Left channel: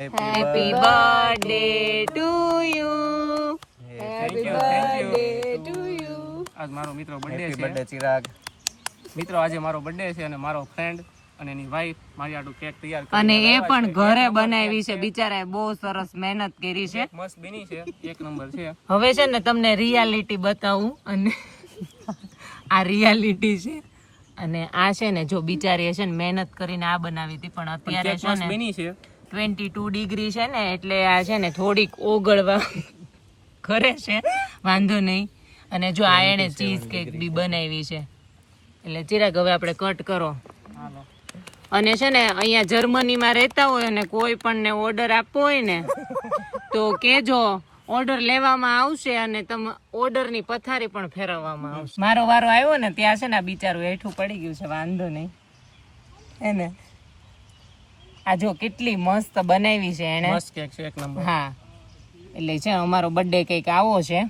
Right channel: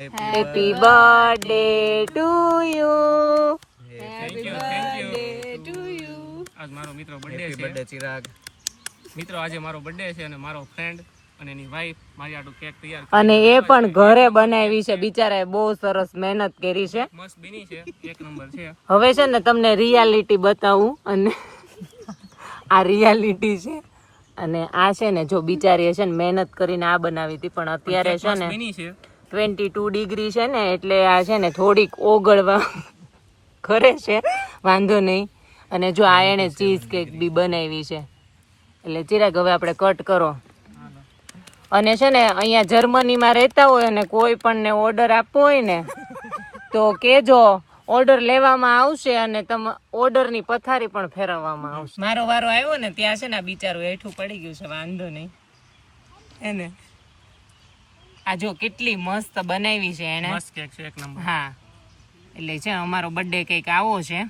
Happy birthday to you. Happy birthday to you. આજ મારો મિત્રો બર્થડે હેપી છે. બર્થડે ચિરાગ. મિત્રો આજે મારો બર્થડે છે અને મારો ફ્રેન્ડ અને એની વાઈફ મારી આટલું કેક તૈયાર કરી અને એ પણ ઘરે બનાવી છે, બિચારાએ બહુ સરસ મહેનત કરી છે. મસ્ત બની છે, એક નંબર છે. હવે છે ને તમને રિયાલિટી બતાવું, અને આ રિયાલિટી છે અને આ છે ને જો બિચારીએ છે ને મહેનત કરીને આ બનાવી હતી, પણ અત્યારે છે મસ્ત ને બની છે. 22 ડિગ્રી છે ને એટલે આ છે ને થોડીક ઓગળવા કરે છે, વાંધો નહીં. અને જો આ એને ચીઝ કેક બી બનાવી છે. એટલે ચિરાગ હવે આપણે કટ કરો. હાલો. અને છે ને અહીંયા જર્મનીમાં રહેતા હોય અને કોઈ પણ ને ઓર્ડર આપવો હોય ને તો કેજો, ઓર્ડર લેવામાં આવશે અને તમે ઓર્ડરની પથારી પણ ફેરવવામાં આવશે. મારો વારો આવ્યો ને ત્યાં છે ને આ બિચારું હેઠું પડી ગયું છે, વાંધો નહીં એને. આ જો કેટલી મસ્ત બનાવી છે એને. મસ્ત કેક છે, એક નંબર. હા, એટલે છે અમારો બર્થડે કઈક આવો છે.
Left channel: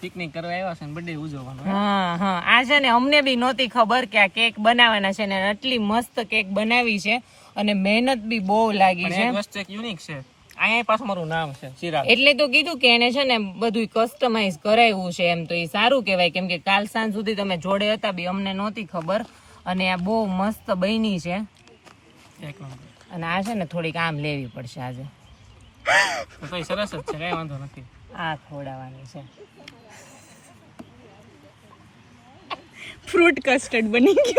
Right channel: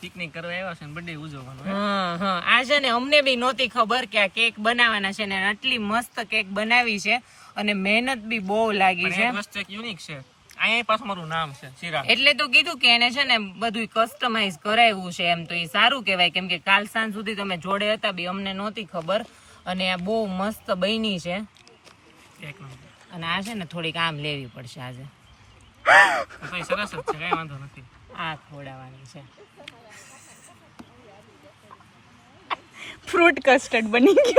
પિકનિક કરવા આવ્યા છે ને બર્થડે ઉજવવાનો. હા હા, આ છે ને અમને બી નહોતી ખબર કે આ કેક બનાવવાના છે ને આટલી મસ્ત કેક બનાવી છે અને મહેનત બી બહુ લાગી પણ છે. એક વસ્તુ એક યુનિક છે, અહીંયા પાછું મારું નામ છે ચિરાગ. એટલે તો કીધું કે એને છે ને બધું કસ્ટમાઇઝ કરાવ્યું છે, એમ તો એ સારું કહેવાય, કેમ કે કાલ સાંજ સુધી તમે જોડે હતા બી અમને નહોતી ખબર. અને આ બહુ મસ્ત બની છે. એક નંબર. અને આ છે ને થોડીક આમ લેવી પડશે આજે. તો એ સરસ જ છે, કઈ વાંધો નથી. આ ખવડાવવાનું છે. ફ્રૂટ કસ્ટર્ડ બની ગયું.